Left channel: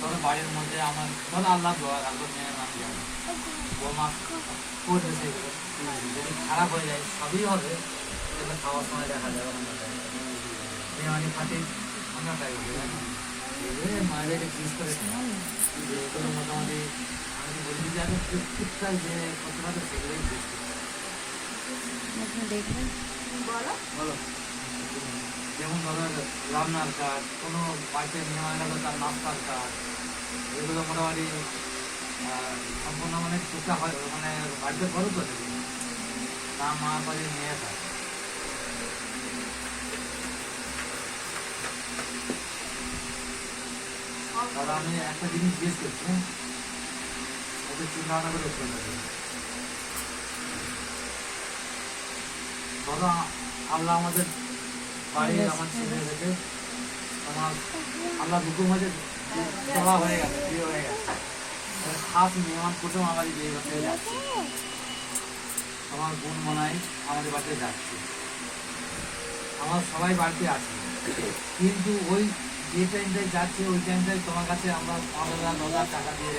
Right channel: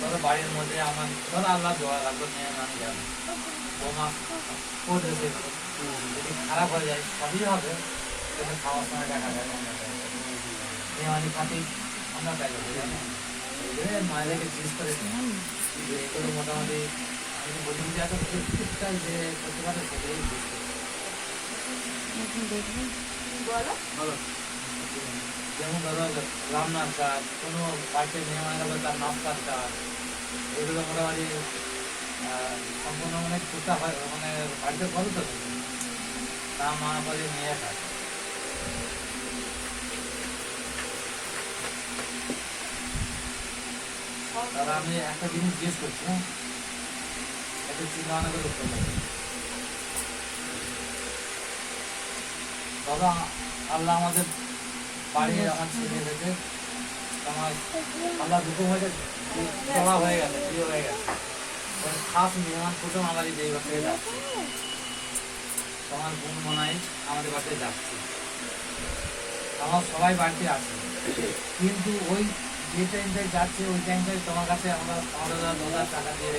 ধরো বাড়ির মধ্যে আমার ধরো আল্লাহ দোয়া রাখবো মেয়ে নাম গেল বৌমা করবে সেগুলো যদি খারাপ হয়ে যায় সবই হবে কিন্তু খাওয়ার সময় দেখা যাবে মেয়ে মানে খাতে আমরা পাই মায়েদেরকে জিজ্ঞেস করে যে এগুলো মোটামুটি আমি তো বলি যে এখন টুকটাক যে করতে পারে সেগুলো দেখবেন বলো বলো যেমন ধরো রান্নার কাজ কোনো বাড়িতে মেহমানেরা বলে তার নাস্তার কাজ এগুলো মোটামুটি সম্পূর্ণ মানে টুকটাক হয় মানে বাড়িতে করো তো তা মা বলে মেয়ে খায় তাহলে আমি একটা জিনিস জিজ্ঞেস করছি হ্যাঁ একটু চিন্তা ভাবনা করে উত্তর দেবো ধরো আল্লাহ আমাদের বাড়ি আমার ছেলে গেছে আমার আল্লাহ দুটো মধ্যে চলা হয়ে গেছে বিয়ে হয়ে গেছে খাস মেহমান প্রথম আমার এই বাড়িতে যাচ্ছে তোমার বোন মনাই আমাদের বাড়িতে যাচ্ছে আমার সবাই বাড়িতে আছে কিন্তু ওই যে টাইমটায় যাচ্ছে ওই টাইমটায় তোমার কাছে আমরা 5,000 10,000 টাকা দিয়ে